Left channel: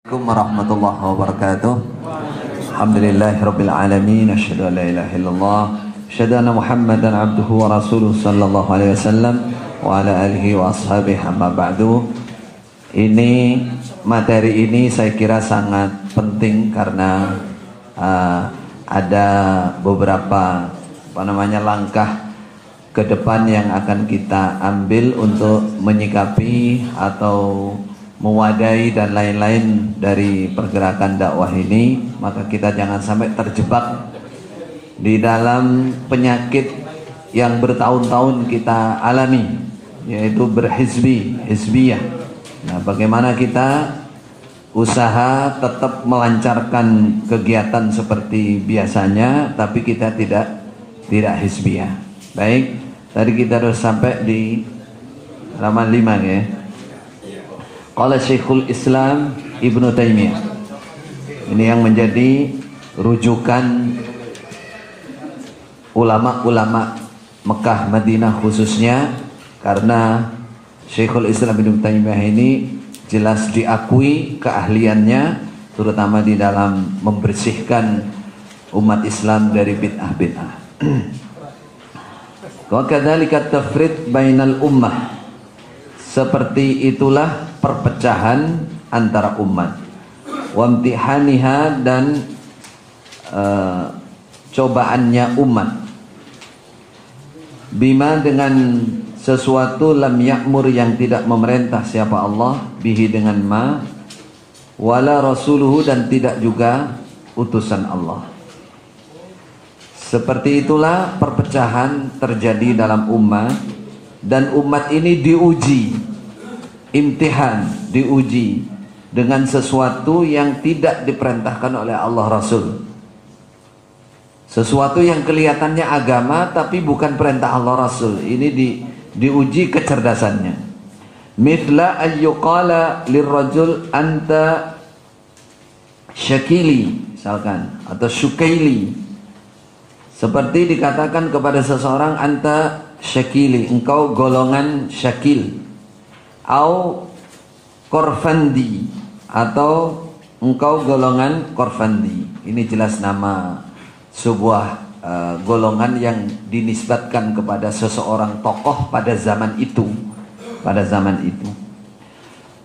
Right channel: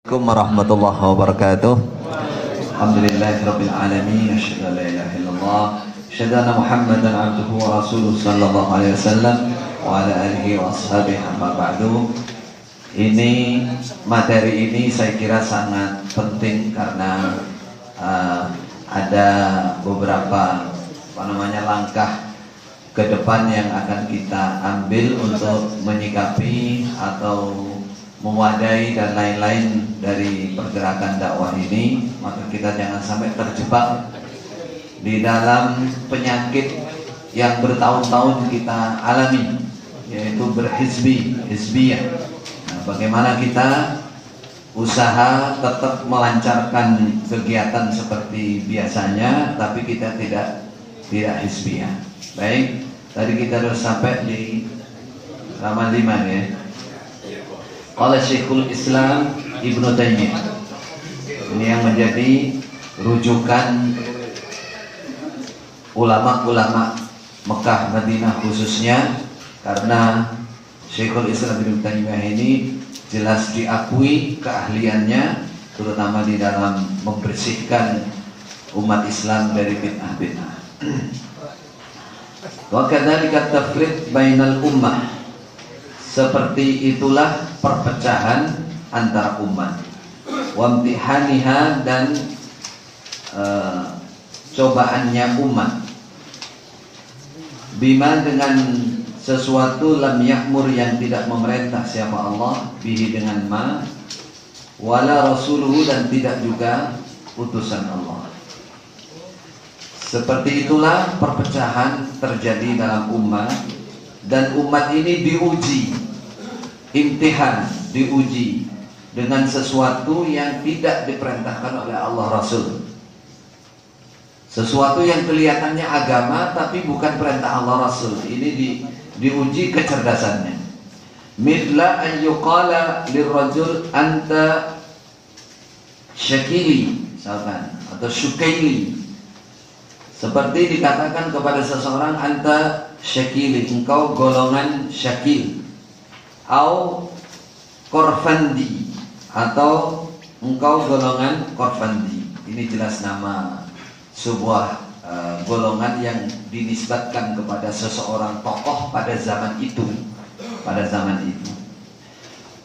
Assalamualaikum warahmatullahi wabarakatuh. Alhamdulillahirabbil alamin, asyhadu an la ilaha illallah, asyhadu anna Muhammadan abduhu wa rasuluhu sallallahu alaihi wasallam wa ala alihi wa ashabihi, amma ba'du. Ini materi ini saya kira sangat penting karena ada beberapa langkah ke depan yang akan kita ambil untuk menyikapi atau mewadai dan lain-lain dari pergerakan dakwah ini. Maka kita jangan sampai terjebak di dalam penyakit yang bertahun-tahun kita alami, yaitu hizbiyah. Nah, bagaimana kita usaha tetap melancarkan kegiatan seperti biasanya, tapi kita tidak hizbiyah. Baik, tadi kita sudah sampai di halaman 5 ya. Qala Syekhul Islam Ibnu Taimiyah. Ini yang menjadi rujukan ulama-ulama Mekah, Madinah khususnya, karena Syekhul Islam Ibnu Taimiyah ini jelas diakui keahliannya, terutama di dalam membersihkan umat Islam dari bid'ah-bid'ah. Wa kadzalika tafriq bainal ummah. Seperti itulah perpecahan antara umat, wamtihaniha, dan cobaannya umat, bima, dengan sesuatu, lam ya'mur, yang tidak memerintah siapa Allah, bihi, dengan ma, wala rasuluhu, dan tidak juga utusan Allah. Seperti itulah perpecahan terjadi dalam umat. Dan umat ini diuji, imtihan, diuji dengan sesuatu yang tidak diperintahkan oleh Allah Rasul. Sesuatu yang kelihatannya agama tapi bukan perintah Allah Rasul. Ini diuji kecerdasannya. Mithla ayyuqala lirrajul anta syakili, misalkan, atau syukaili. Seperti dikatakan kepada seseorang, anta syakili, engkau golongan syakil, au korfandi, atau engkau golongan korfandi. Ini jelas nama sebuah golongan yang dinisbatkan kepada seseorang tokoh pada zaman itu.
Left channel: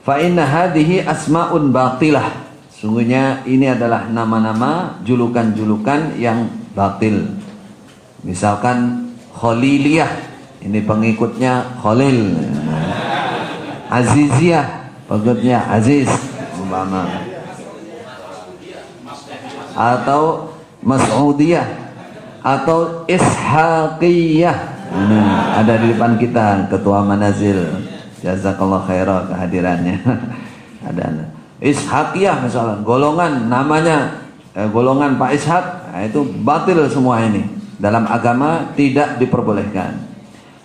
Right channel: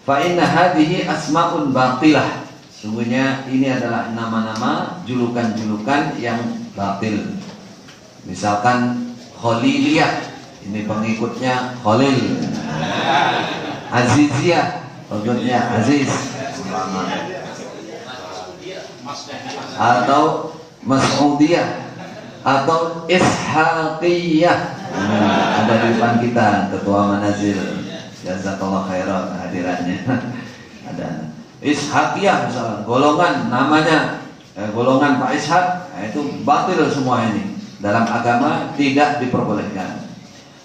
Fa inna hadhihi asmaun batilah. Sungguhnya ini adalah nama-nama, julukan-julukan yang batil. Misalkan Khaliliyah, ini pengikutnya Khalil. Aziziyah, pengikutnya Aziz, atau Mas'udiyah, atau Ishaqiyah. Ada di depan kita Ketua Manazil, jazakallah khairan kehadirannya. Ada Ishaqiyah misalnya, golongan namanya golongan Pak Ishaq. Nah, itu batil semua ini. Dalam agama tidak diperbolehkan.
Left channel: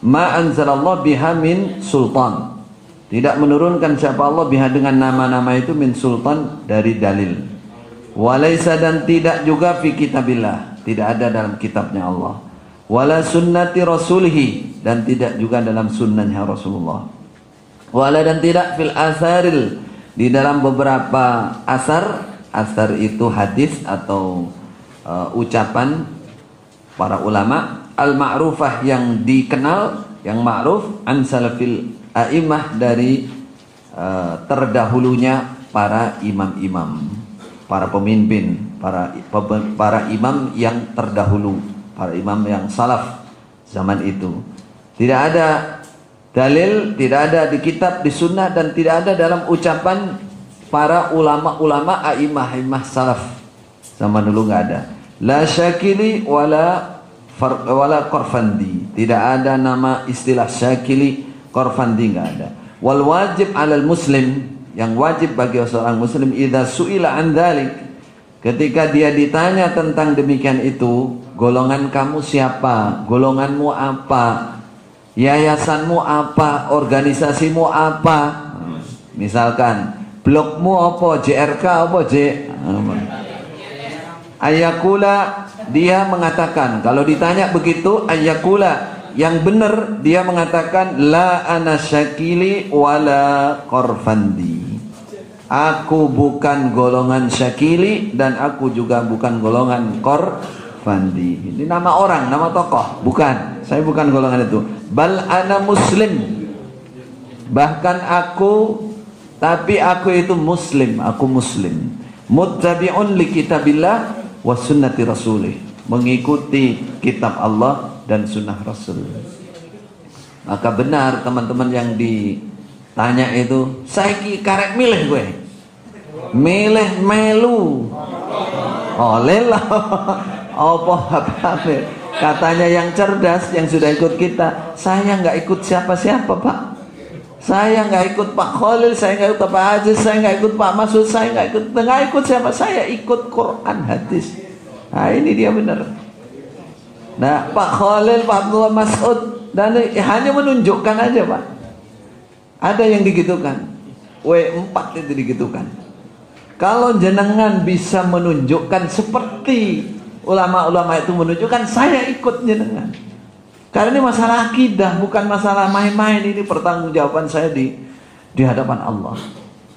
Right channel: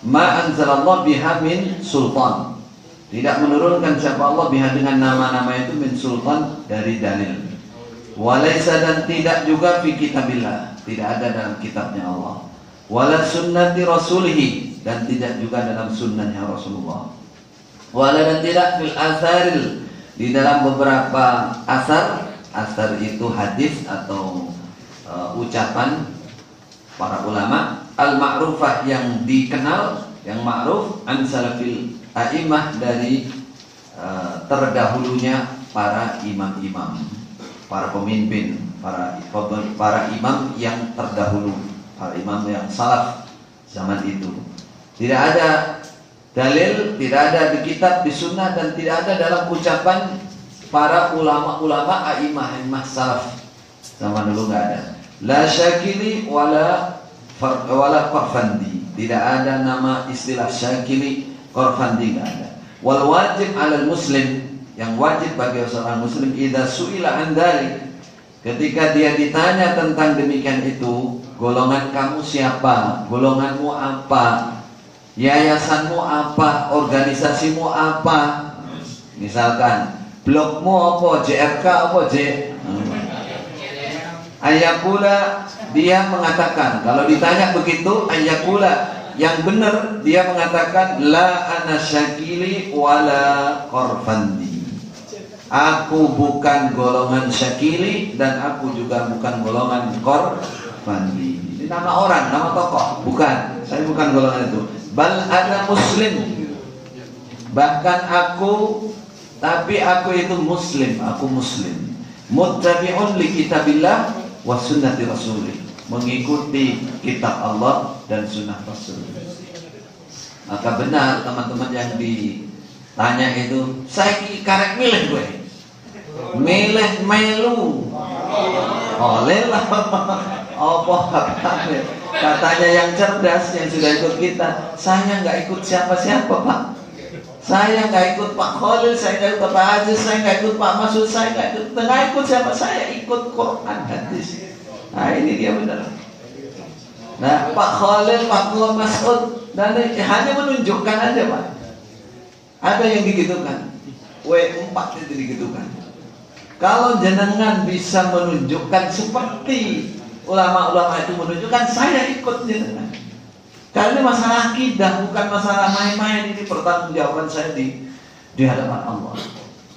Ma anzalallah biha min sultan. Tidak menurunkan siapa Allah biha, dengan nama-nama itu, min sultan, dari dalil. Walaysa, dan tidak juga fi kitabillah, tidak ada dalam kitabnya Allah. Wala sunnati rasulihi, dan tidak juga dalam sunnahnya Rasulullah. Wala, dan tidak fil asaril, di dalam beberapa asar. Asar itu hadis atau ucapan para ulama al-ma'rufah, yang dikenal, yang ma'ruf, an salafil a'imah, dari terdahulunya para imam-imam, para pemimpin, para imam yang terdahulu, para imam yang salaf zaman itu. Tidak ada dalil, tidak ada di kitab, di sunnah, dan tidak ada dalam ucapan para ulama-ulama a'imah salaf zaman dulu, nggak ada. La syakili wala korfandi, tidak ada nama istilah syakili, korfandi, nggak ada. Wal wajib 'alal muslim, yang wajib bagi seorang muslim, idza su'ila an dzalik, ketika dia ditanya tentang demikian itu, golongan kamu siapa, golonganmu apa, yayasanmu apa, organisasimu apa, misalkan blokmu apa, JRK apa, ayakula, dia mengatakan, kalau ditanya begitu, ayakula, yang benar dia mengatakan, la ana syakili wala korfandi, Aku bukan golongan Syakili dan aku juga bukan golongan Korfandi. Ini nama orang, nama tokoh. Bukan, saya bukan golongan itu. Bal ana muslim. Bahkan tapi aku itu muslim. Aku muslim. Muttabi'un li kitabillah wa sunnati rasulih. Mengikuti kitab Allah dan sunnah Rasul. Maka benar teman-teman yang ditanya itu, saya karek milih gue. Milih melu oleh lah apa katanya yang cerdas yang sudah ikut kita. Saya nggak ikut siapa-siapa Pak, saya nggak ikut Pak Khalil, saya nggak ikut Pak Aziz, saya nggak ikut Pak Masud, saya nggak ikut siapa, saya ikut Quran hadis. Nah ini dia benar. Nah Pak Khalil, Pak Abdullah Masud dan hanya menunjukkan aja Pak. Ada yang digitukan, W4 itu digitukan. Kalau jenengan bisa menunjukkan seperti ulama-ulama itu menunjukkan, saya ikut jenengan. Karena ini masalah akidah, bukan masalah main-main. Ini pertanggungjawaban saya di hadapan Allah.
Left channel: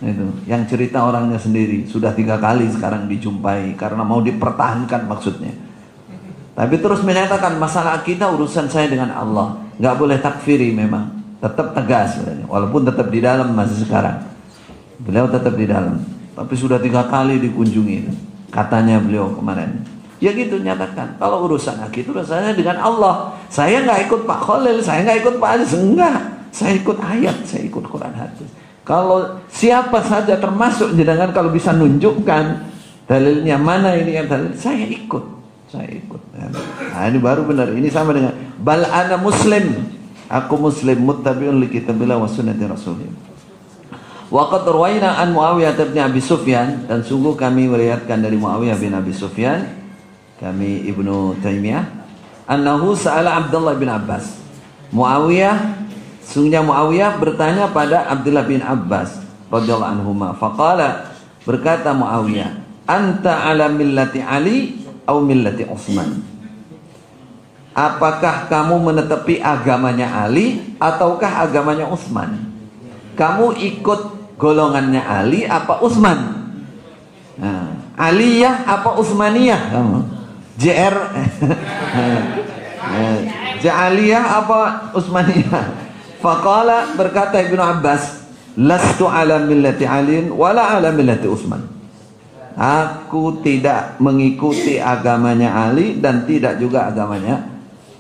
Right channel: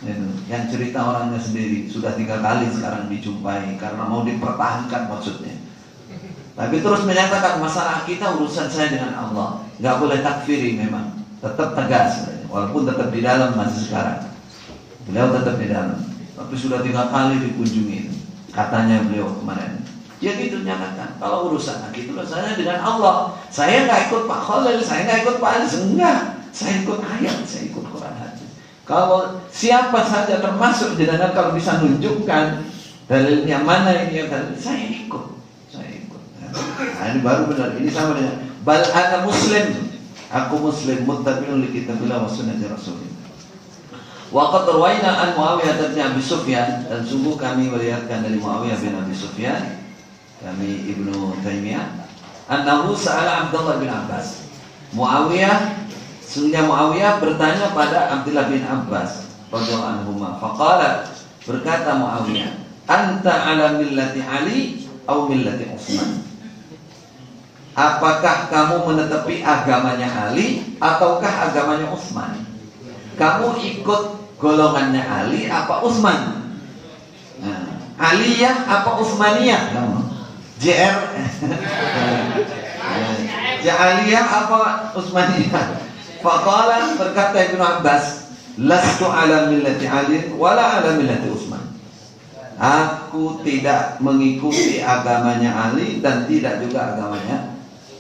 Itu yang cerita orangnya sendiri. Sudah 3 kali sekarang dijumpai karena mau dipertahankan maksudnya. Tapi terus menyatakan masalah akidah urusan saya dengan Allah. Nggak boleh takfiri memang. Tetap tegas, walaupun tetap di dalam masih sekarang. Beliau tetap di dalam. Tapi sudah 3 kali dikunjungi, katanya beliau kemarin. Ya gitu nyatakan. Kalau urusan akidah urusannya dengan Allah. Saya nggak ikut Pak Khalil, saya nggak ikut Pak Aziz, enggak. Saya ikut ayat, saya ikut Quran hadis. Kalau siapa saja termasuk jenengan kalau bisa nunjukkan dalilnya mana ini yang dalil, saya ikut. Nah ini baru benar. Ini sama dengan bal ana muslim. Aku muslim muttabi'un li kitabillah wa sunnati rasulih. Wa qad rawaina an Muawiyah bin Abi Sufyan, dan sungguh kami meriwayatkan dari Muawiyah bin Abi Sufyan, kami Ibnu Taimiyah, annahu sa'ala Abdullah bin Abbas. Sungguhnya Muawiyah bertanya pada Abdullah bin Abbas radhiyallahu anhuma. Faqala, berkata Muawiyah, anta ala millati Ali atau millati Utsman? Apakah kamu menetepi agamanya Ali ataukah agamanya Utsman? Kamu ikut golongannya Ali apa Utsman? Nah, Aliyah apa Utsmaniyah? JR Aliyah apa Utsmaniyah? Faqala, berkata Ibnu Abbas, lastu ala millati Ali wala ala millati Utsman. Aku tidak mengikuti agamanya Ali dan tidak juga agamanya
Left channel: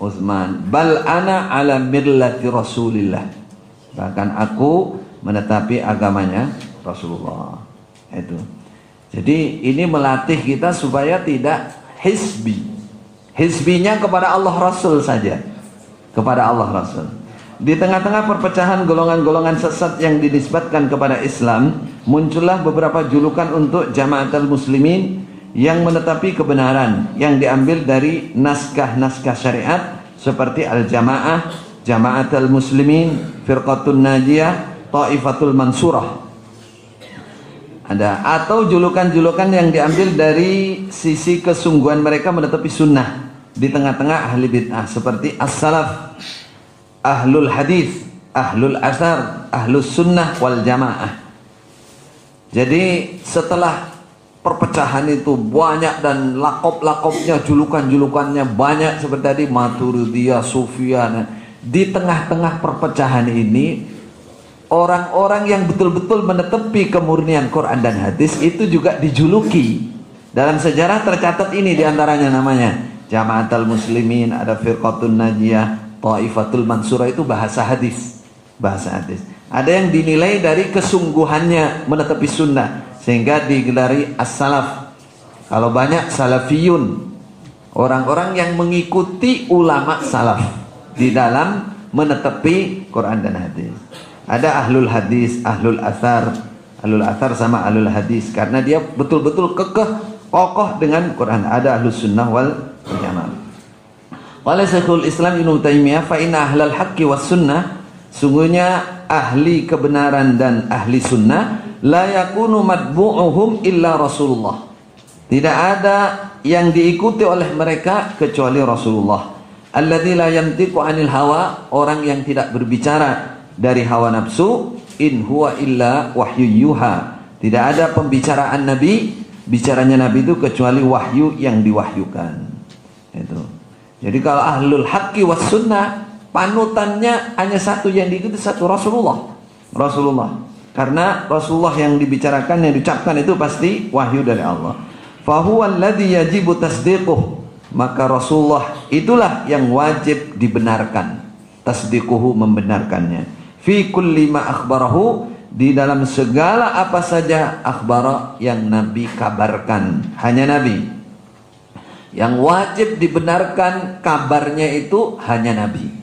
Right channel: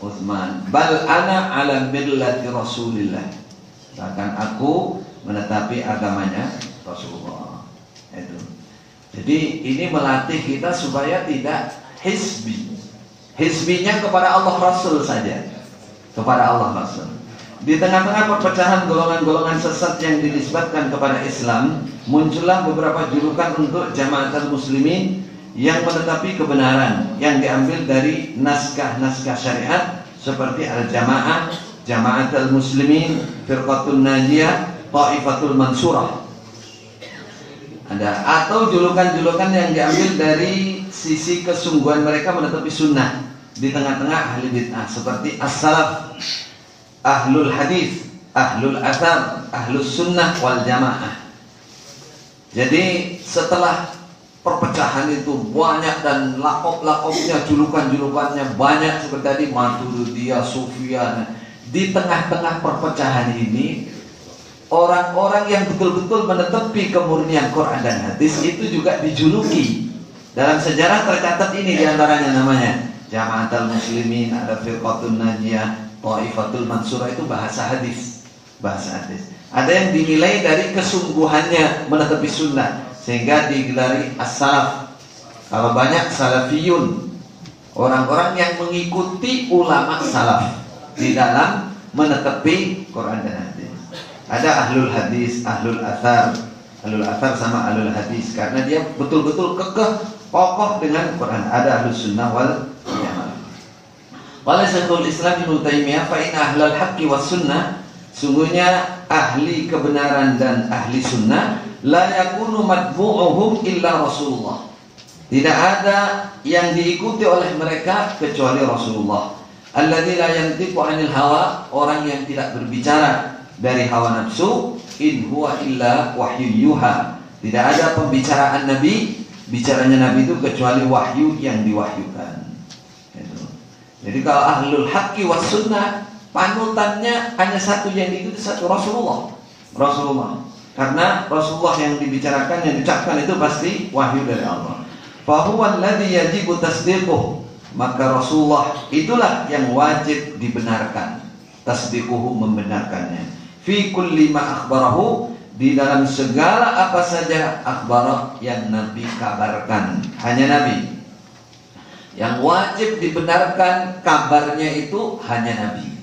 Utsman. Bal ana ala millati Rasulillah. Bahkan aku menetapi agamanya Rasulullah. Itu. Jadi ini melatih kita supaya tidak hizbi. Hizbinya kepada Allah Rasul saja. Kepada Allah Rasul. Di tengah-tengah perpecahan golongan-golongan sesat yang dinisbatkan kepada Islam, muncullah beberapa julukan untuk jamaatul muslimin yang menetapi kebenaran yang diambil dari naskah-naskah syariat seperti al-jamaah, jamaatul muslimin, firqatun najiyah, taifatul mansurah. Ada atau julukan-julukan yang diambil dari sisi kesungguhan mereka menetapi sunnah di tengah-tengah ahli bid'ah seperti as-salaf, ahlul hadis, ahlul athar, ahlus sunnah wal jamaah. Jadi setelah perpecahan itu banyak dan lakop-lakopnya, julukan-julukannya banyak seperti tadi Maturidiyah, Sufiyah. Di tengah-tengah perpecahan ini, orang-orang yang betul-betul menetepi kemurnian Quran dan hadis itu juga dijuluki. Dalam sejarah tercatat ini diantaranya namanya Jamaatul Muslimin, ada Firqatun Najiyah, Taifatul Mansurah, itu bahasa hadis. Bahasa hadis. Ada yang dinilai dari kesungguhannya menetepi sunnah sehingga digelari as-salaf. Kalau banyak salafiyun, orang-orang yang mengikuti ulama salaf di dalam menetepi Quran dan hadis. Ada ahlul hadis, ahlul athar. Ahlul athar sama ahlul hadis karena dia betul-betul kekeh kokoh dengan Quran. Ada ahlus sunnah wal jamaah. Qala Syekhul Islam Ibnu Taimiyah, fa inna ahlal haqqi was sunnah, sungguhnya ahli kebenaran dan ahli sunnah, la yakunu matbu'uhum illa Rasulullah. Tidak ada yang diikuti oleh mereka kecuali Rasulullah. Alladzi la yantiqu 'anil hawa, orang yang tidak berbicara dari hawa nafsu. In huwa illa wahyu yuha, Tidak ada pembicaraan Nabi, bicaranya Nabi itu kecuali wahyu yang diwahyukan. Itu. Jadi kalau ahlul haqqi was sunnah, panutannya hanya satu yang diikuti, satu, Rasulullah. Karena Rasulullah yang dibicarakan, yang diucapkan itu pasti wahyu dari Allah. Fahuwa alladhi yajibu tasdiquh, maka Rasulullah itulah yang wajib dibenarkan. Tasdiquhu, membenarkannya. Fi kulli ma akhbarahu, di dalam segala apa saja akhbara yang Nabi kabarkan. Hanya Nabi yang wajib dibenarkan kabarnya, itu hanya Nabi.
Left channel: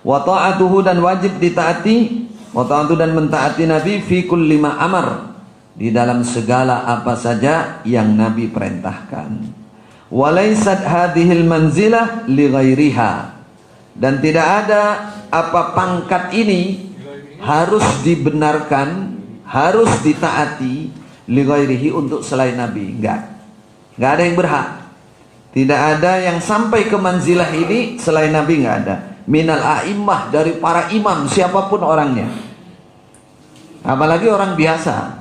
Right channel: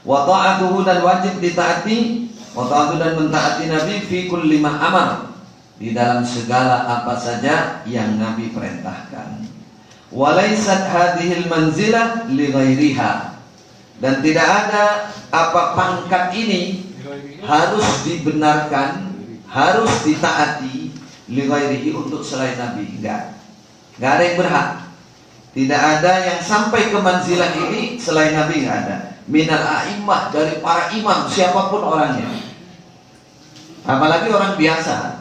Wa ta'atuhu, dan wajib ditaati, wa ta'atuhu, dan mentaati Nabi fi kulli ma amar, di dalam segala apa saja yang Nabi perintahkan. Wa laysat hadhil manzilah li ghairiha, dan tidak ada apa pangkat ini harus dibenarkan, harus ditaati li ghairihi, untuk selain Nabi. Enggak ada yang berhak. Tidak ada yang sampai ke manzilah ini selain Nabi, enggak ada. Minal a'immah, dari para imam siapapun orangnya. Apalagi orang biasa,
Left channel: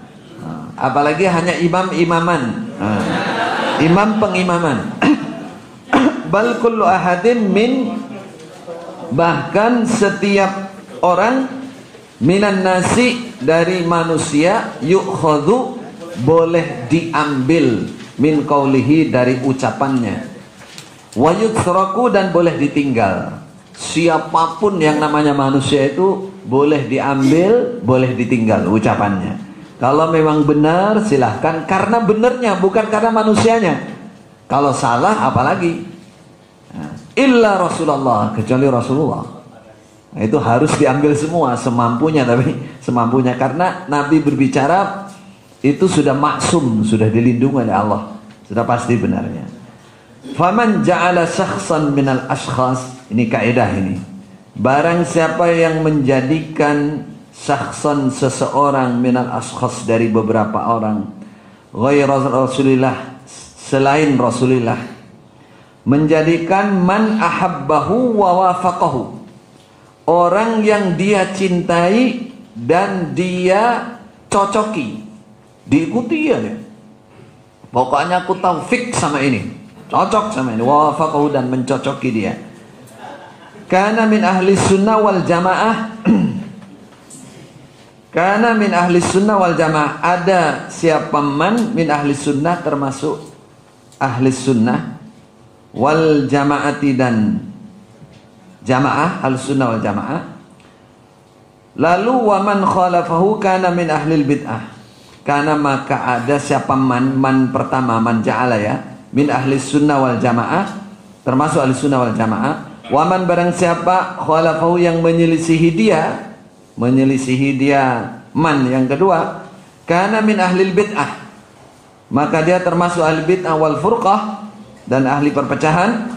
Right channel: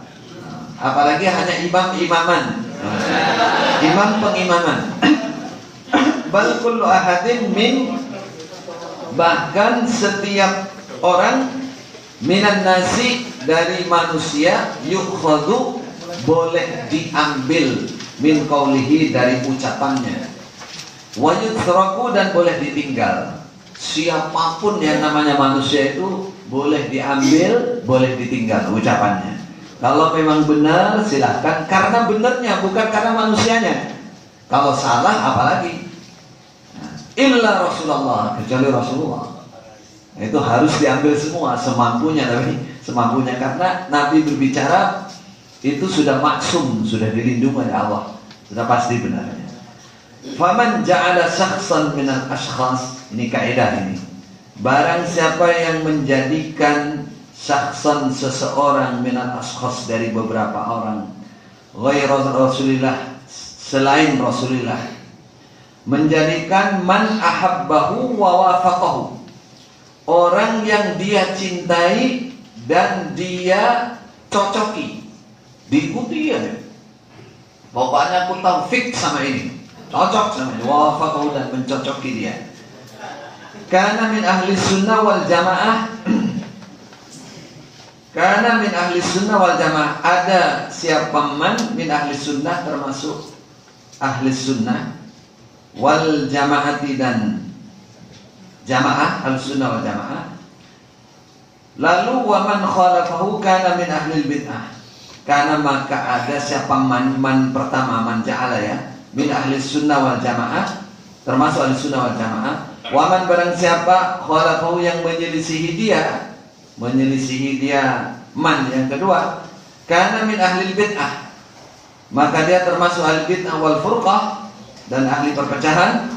apalagi hanya imam-imaman, imam pengimaman. Bal kullu ahadin min, bahkan setiap orang, minan nasi, dari manusia, yukhadhu, boleh diambil, min qawlihi, dari ucapannya, wa yutraku, dan boleh ditinggal. Siapapun yang namanya manusia itu boleh diambil, boleh ditinggal ucapannya. Kalau memang benar silahkan, karena benarnya, bukan karena manusianya. Kalau salah apalagi. Illa Rasulullah, kecuali Rasulullah, itu harus diambil semua, semampunya. Tapi semampunya, karena Nabi berbicara itu sudah maksum, sudah dilindungi oleh Allah, sudah pasti benarnya. Faman ja'ala syakhsan minal ashkhas, ini kaidah ini. Barang siapa yang menjadikan syakhsan, seseorang, minal ashkhas, dari beberapa orang, ghairu Rasulillah, selain Rasulillah, menjadikan man ahabbahu wa wafaqahu, orang yang dia cintai dan dia cocoki, diikuti ya. Pokoknya aku taufik sama ini, cocok sama ini, wafaqahu, dan mencocoki dia. Karena min ahli sunnah wal jamaah, karena min ahli sunnah wal jamaah, ada siapa man min ahli sunnah, termasuk ahli sunnah, wal jamaati, dan jamaah, ahli sunnah wal jamaah. Lalu wa man khalafahu kana min ahli bid'ah, karena maka ada siapa man pertama, man ja'ala ya, min ahli sunnah wal jamaah, termasuk ahli sunnah wal jamaah. Waman, barang siapa khalafahu, yang menyelisihi dia man yang kedua, karena min ahli bid'ah, maka dia termasuk ahli bid'ah wal furqah, dan ahli perpecahan.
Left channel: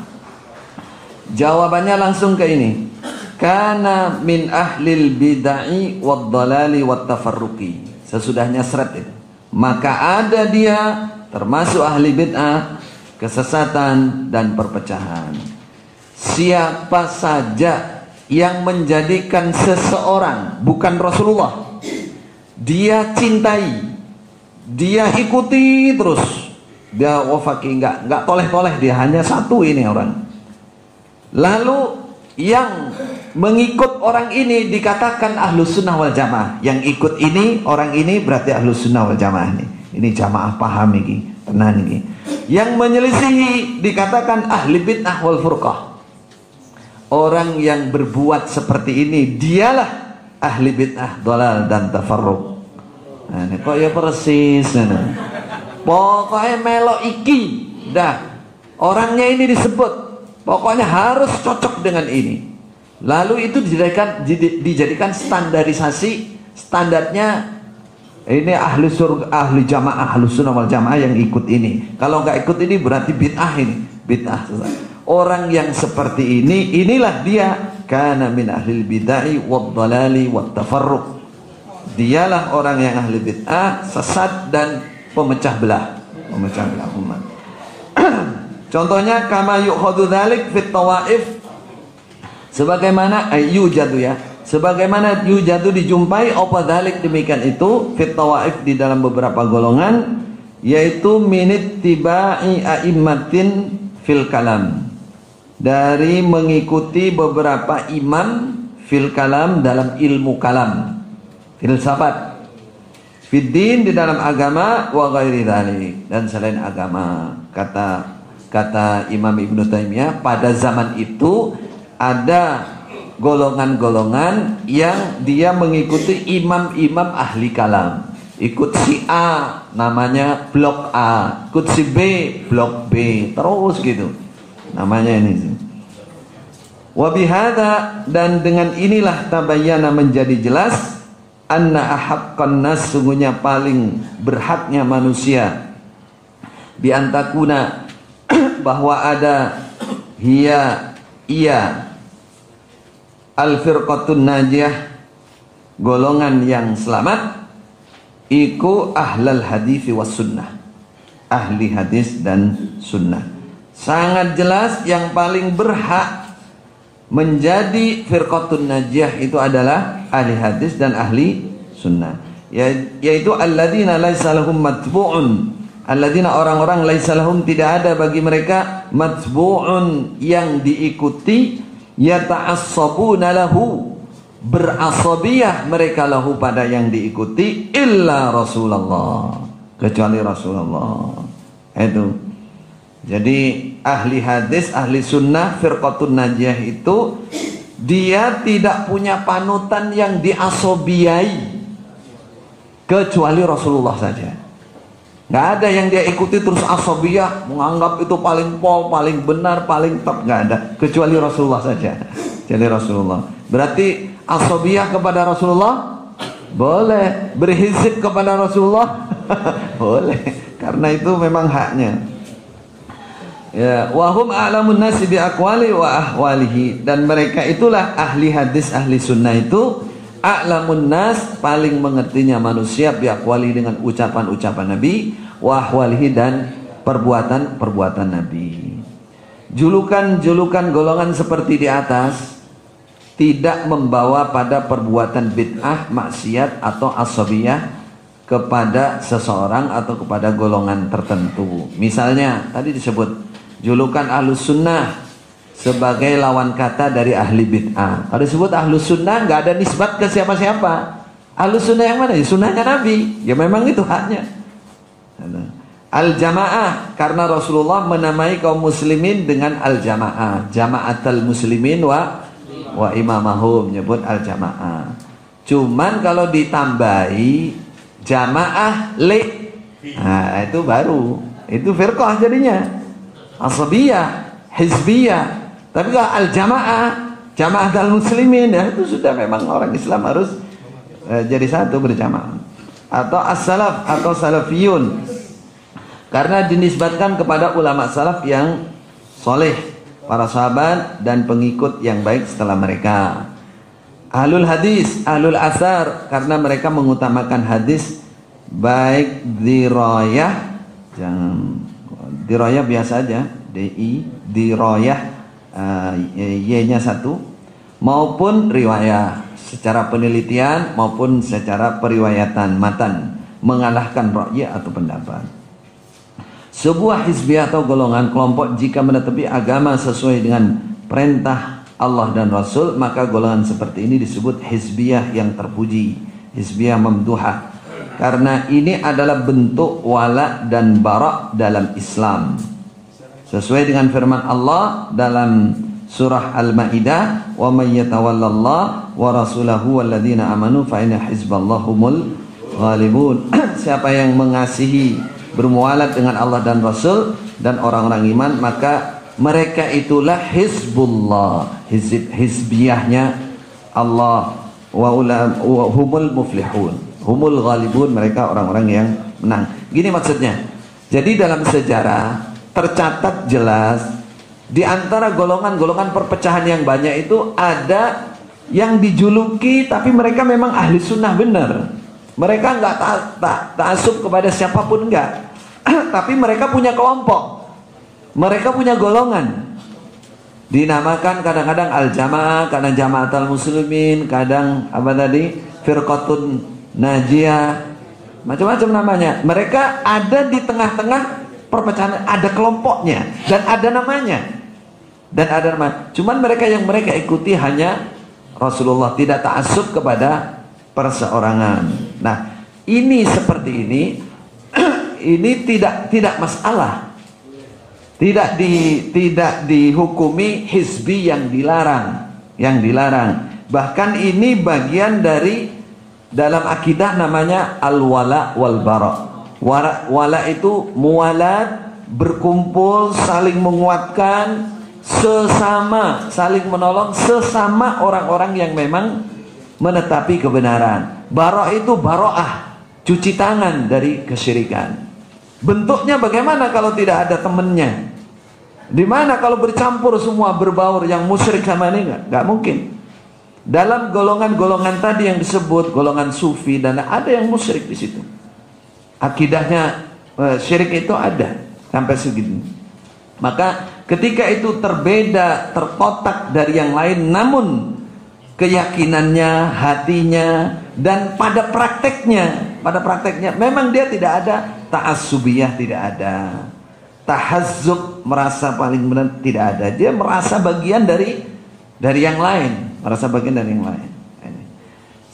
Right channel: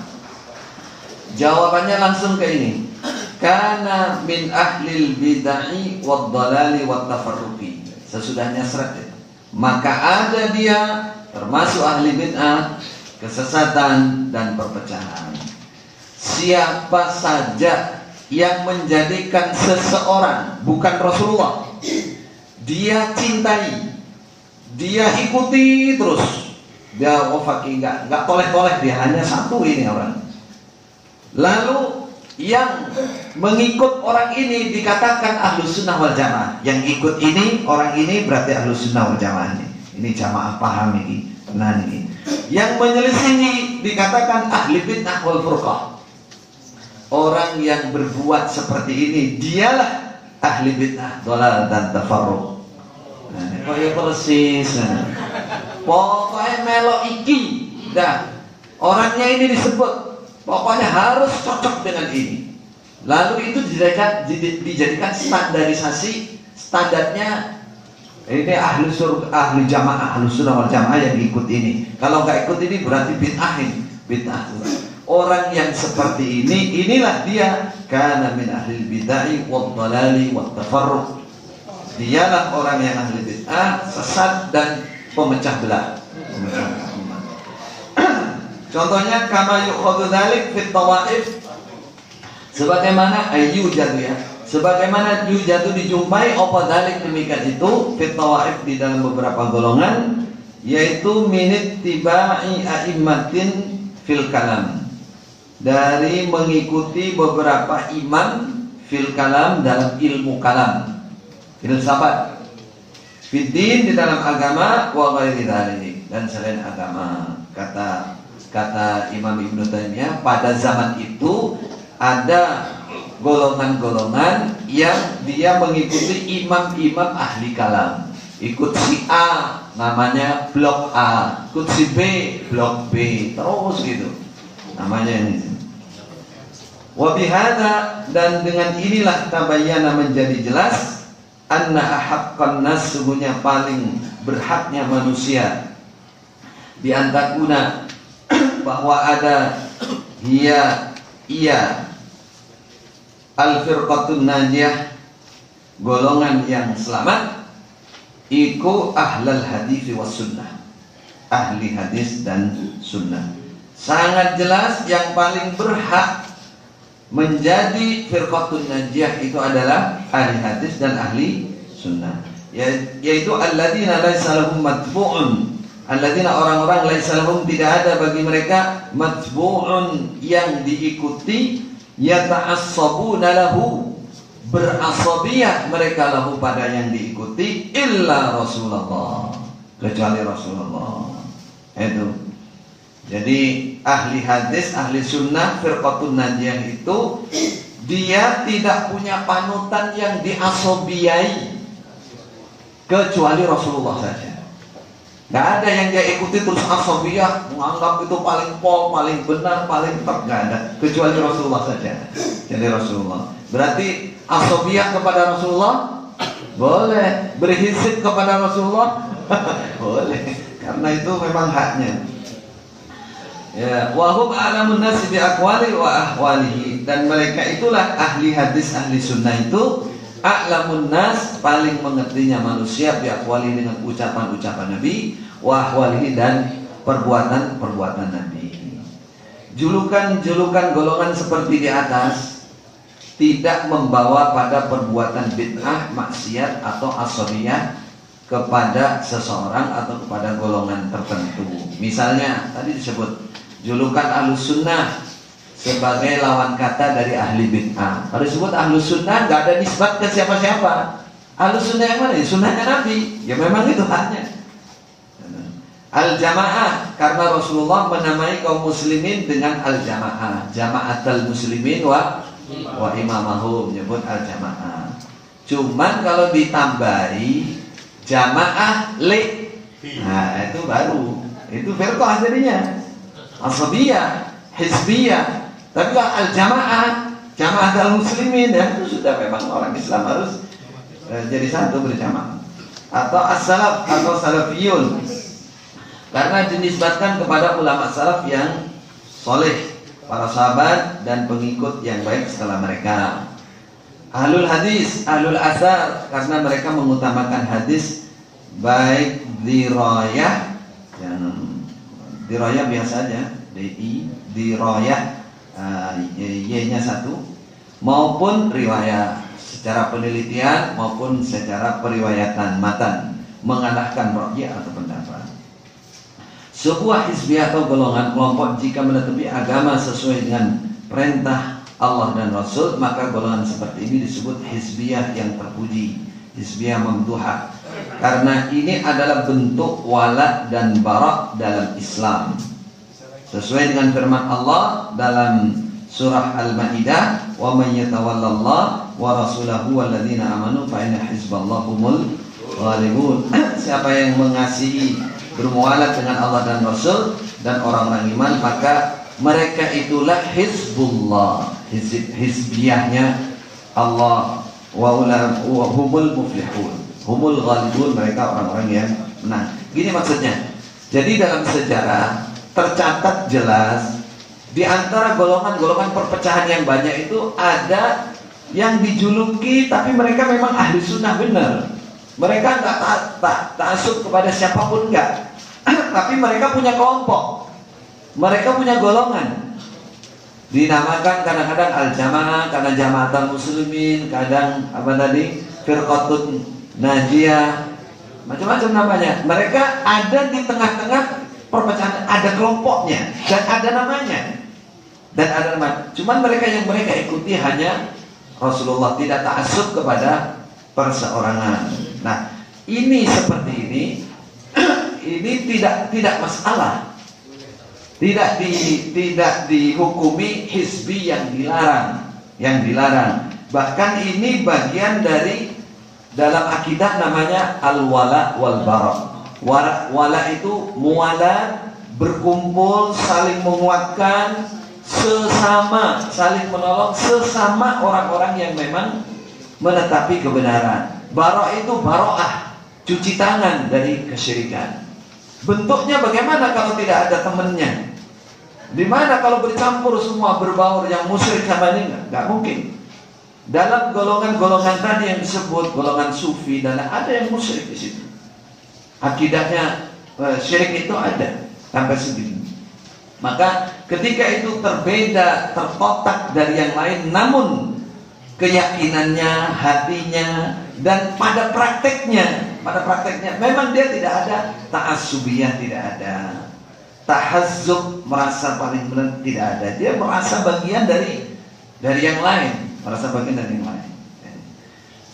Jawabannya langsung ke ini, karena min ahli bid'ah wad dalali wat tafarruqi, sesudahnya seret itu. Maka ada dia termasuk ahli bid'ah, kesesatan, dan perpecahan. Siapa saja yang menjadikan seseorang, bukan Rasulullah, dia cintai, dia ikuti terus, dia wafaki, enggak toleh-toleh, dia hanya satu ini orang. Lalu yang mengikut orang ini dikatakan ahlus sunnah wal jamaah. Yang ikut ini, orang ini berarti ahlus sunnah wal jamaah ini. Ini jamaah paham ini, benar ini. Yang menyelisihi dikatakan ahli bid'ah wal furqah. Orang yang berbuat seperti ini, dialah ahli bid'ah, dhalal, dan tafarruq. Nah, kok ya persis. Pokoknya melo iki, dah. Orangnya ini disebut, pokoknya harus cocok dengan ini. Lalu itu dijadikan standarisasi, standarnya ini ahli surga, ahli jamaah, ahli sunnah wal jamaah yang ikut ini. Kalau nggak ikut ini berarti bid'ahin, bid'ah. Orang yang seperti ini, inilah dia, kana min ahli bid'ah wad dalali wat tafarruq. Dialah orang yang ahli bid'ah, sesat, dan pemecah belah, umat. Contohnya kama yukhadhu dzalik fit tawaif, sebagaimana ayu jadu ya, sebagaimana yujadu dijumpai apa dalik demikian itu fit tawaif di dalam beberapa golongan, yaitu minit tibai a'immatin fil kalam, dari mengikuti beberapa imam fil kalam dalam ilmu kalam, filsafat, fiddin di dalam agama, wa ghairi dzalik, dan selain agama. Kata Imam Ibnu Taimiyah, pada zaman itu ada golongan-golongan yang dia mengikuti imam-imam ahli kalam. Ikut si A namanya blok A, ikut si B blok B, terus gitu namanya ini. Wa bihadza, dan dengan inilah tabayyana menjadi jelas anna ahaqqan nas, sungguhnya paling berhaknya manusia bi antakuna, bahwa ada ia al-firqatun najiyah, golongan yang selamat, iku ahlal hadis was sunnah, ahli hadis dan sunnah. Sangat jelas yang paling berhak menjadi firqatun najiyah itu adalah ahli hadis dan ahli sunnah, yaitu alladzina laisa lahum matbu'un, alladzina orang-orang laisa lahum tidak ada bagi mereka matbu'un yang diikuti, yata'assabuna lahu berasabiyah mereka lahu pada yang diikuti, illa Rasulullah, kecuali Rasulullah. Itu jadi ahli hadis, ahli sunnah, firqatun najiyah itu dia tidak punya panutan yang diasobiyai kecuali Rasulullah saja. Nggak ada yang dia ikuti terus asabiyah, menganggap itu paling pol, paling benar, paling top, nggak ada, kecuali Rasulullah saja. Jadi Rasulullah. Berarti asabiyah kepada Rasulullah boleh, berhizib kepada Rasulullah boleh, karena itu memang haknya. Ya, wahum a'lamun nasi bi aqwali wa ahwalihi, dan mereka itulah ahli hadis, ahli sunnah itu a'lamun nas, paling mengertinya manusia bi aqwali, dengan ucapan-ucapan Nabi, wa ahwalihi, dan perbuatan-perbuatan Nabi. Julukan-julukan golongan seperti di atas tidak membawa pada perbuatan bid'ah, maksiat atau asabiyah kepada seseorang atau kepada golongan tertentu. Misalnya tadi disebut julukan ahlus sunnah sebagai lawan kata dari ahli bid'ah. Kalau disebut ahlus sunnah nggak ada nisbat ke siapa-siapa. Ahlus sunnah yang mana? Sunnahnya Nabi. Ya memang itu haknya. Al-jamaah, karena Rasulullah menamai kaum muslimin dengan al-jamaah, jama'atul muslimin wa imamahum, nyebut al-jamaah. Cuman kalau ditambahi jamaah li, nah itu baru, itu firqah jadinya, asabiyah, hizbiyah. Tapi kalau al-jamaah, jamaah al-muslimin, ya itu sudah memang orang Islam harus jadi satu, berjamaah. Atau as-salaf atau salafiyun, karena dinisbatkan kepada ulama salaf yang soleh, para sahabat dan pengikut yang baik setelah mereka. Ahlul hadis, ahlul asar, karena mereka mengutamakan hadis baik dirayah, jangan dirayah biasa aja, dirayah y-nya satu, maupun riwayah secara penelitian maupun secara periwayatan matan, mengalahkan ra'yi atau pendapat. Sebuah hizbiyah atau golongan kelompok jika menetapi agama sesuai dengan perintah Allah dan Rasul, maka golongan seperti ini disebut hizbiyah yang terpuji, hizbiyah mamduhah, karena ini adalah bentuk wala dan bara dalam Islam, sesuai dengan firman Allah dalam surah Al-Maidah, wa may yatawallallah wa rasulahu walladzina amanu fa inna hizballahumul ghalibun. Siapa yang mengasihi, bermualat dengan Allah dan Rasul dan orang-orang iman, maka mereka itulah hizbullah, hizbiyahnya Allah, wa humul muflihun, humul ghalibun, mereka orang-orang yang menang. Gini maksudnya. Jadi dalam sejarah tercatat jelas di antara golongan-golongan perpecahan yang banyak itu ada yang dijuluki tapi mereka memang ahli sunnah benar. Mereka nggak ta'assub kepada siapapun, enggak. Tapi mereka punya kelompok, mereka punya golongan. Dinamakan kadang-kadang al-jamaah, kadang jamaatul muslimin, kadang apa tadi? Firqatun najiyah. Macam-macam namanya. Mereka ada di tengah-tengah perpecahan, ada kelompoknya dan ada namanya. Dan ada nama. Cuman mereka yang mereka ikuti hanya Rasulullah, tidak ta'assub kepada perseorangan. Nah, ini seperti ini ini tidak masalah. Tidak dihukumi hizbi yang dilarang. Bahkan ini bagian dari dalam akidah namanya al-wala wal bara. Wala itu mualat, berkumpul, saling menguatkan, sesama, saling menolong sesama orang-orang yang memang menetapi kebenaran. Bara itu baroah, cuci tangan dari kesyirikan. Bentuknya bagaimana kalau tidak ada temannya? Di mana kalau bercampur semua berbaur yang musyrik sama ini nggak mungkin. Dalam golongan-golongan tadi yang disebut golongan sufi dan ada yang musyrik di situ. Akidahnya syirik itu ada sampai segitu. Maka ketika itu terbeda, terkotak dari yang lain, namun keyakinannya, hatinya, dan pada prakteknya memang dia tidak ada ta'assubiyah, tidak ada tahazzub, merasa paling benar, tidak ada. Dia merasa bagian dari yang lain,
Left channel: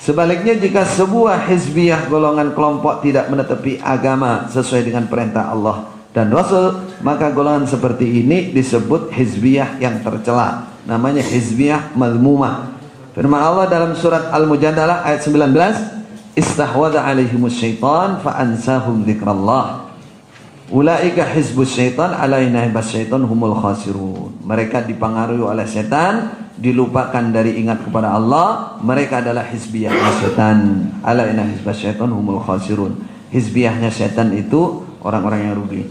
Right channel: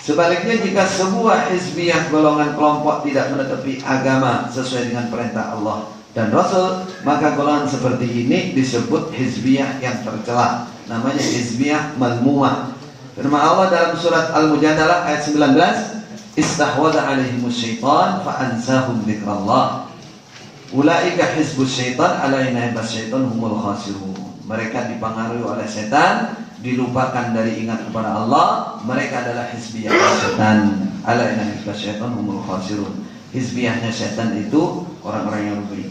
Sebaliknya, jika sebuah hizbiyah, golongan kelompok, tidak menetapi agama sesuai dengan perintah Allah dan Rasul, maka golongan seperti ini disebut hizbiyah yang tercela, namanya hizbiyah malmumah. Firman Allah dalam surat Al-Mujadalah ayat 19, istahwadha alaihimus syaitan fa'ansahum dzikrallah. Ulaika hizbus syaitan ala inna hizbas syaitan humul khasirun. Mereka dipengaruhi oleh setan, dilupakan dari ingat kepada Allah. Mereka adalah hizbiyah setan. Ala inna hizbas syaitan humul khasirun. Hizbiyahnya setan itu orang-orang yang rugi.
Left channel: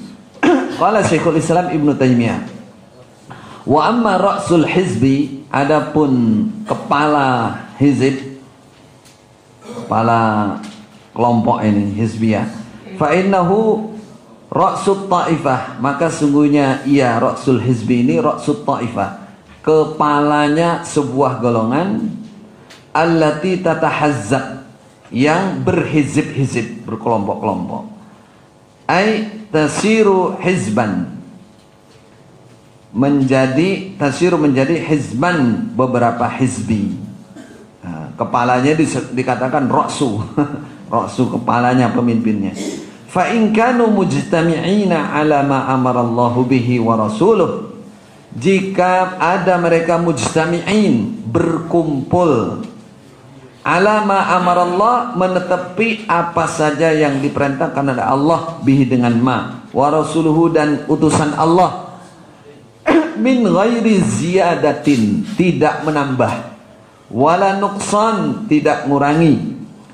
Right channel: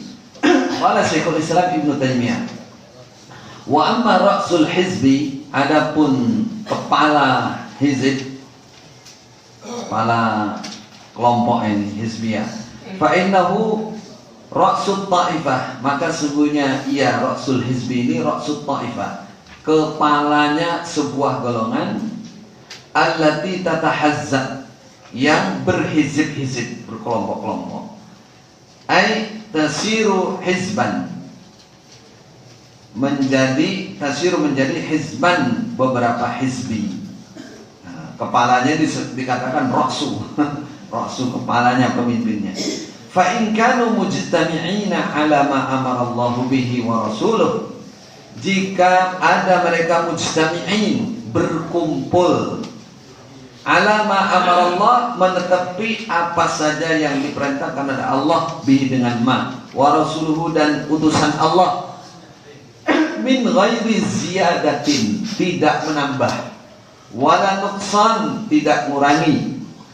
Qala Syekhul Islam Ibnu Taimiyah, wa amma ra'sul hizbi, adapun kepala hizib, kepala kelompok ini hizbiyah, fa innahu ra'sut ta'ifah, maka sungguhnya ia ra'sul hizbi ini ra'sut ta'ifah, kepalanya sebuah golongan, allati tatahazzab, yang berhizib-hizib, berkelompok-kelompok, ai tasiru hizban, menjadi hizban, beberapa hizbi. Nah, kepalanya dikatakan ra'su ra'su, kepalanya, pemimpinnya. Fa in kanu mujtami'ina ala ma amara Allah bihi wa rasuluh, jika ada mereka mujtami'in, berkumpul, ala ma amara Allah, menetapi apa saja yang diperintahkan oleh Allah, bihi dengan ma, wa rasuluhu, dan utusan Allah, min ghairi ziyadatin, tidak menambah, wala nuqsan, tidak mengurangi.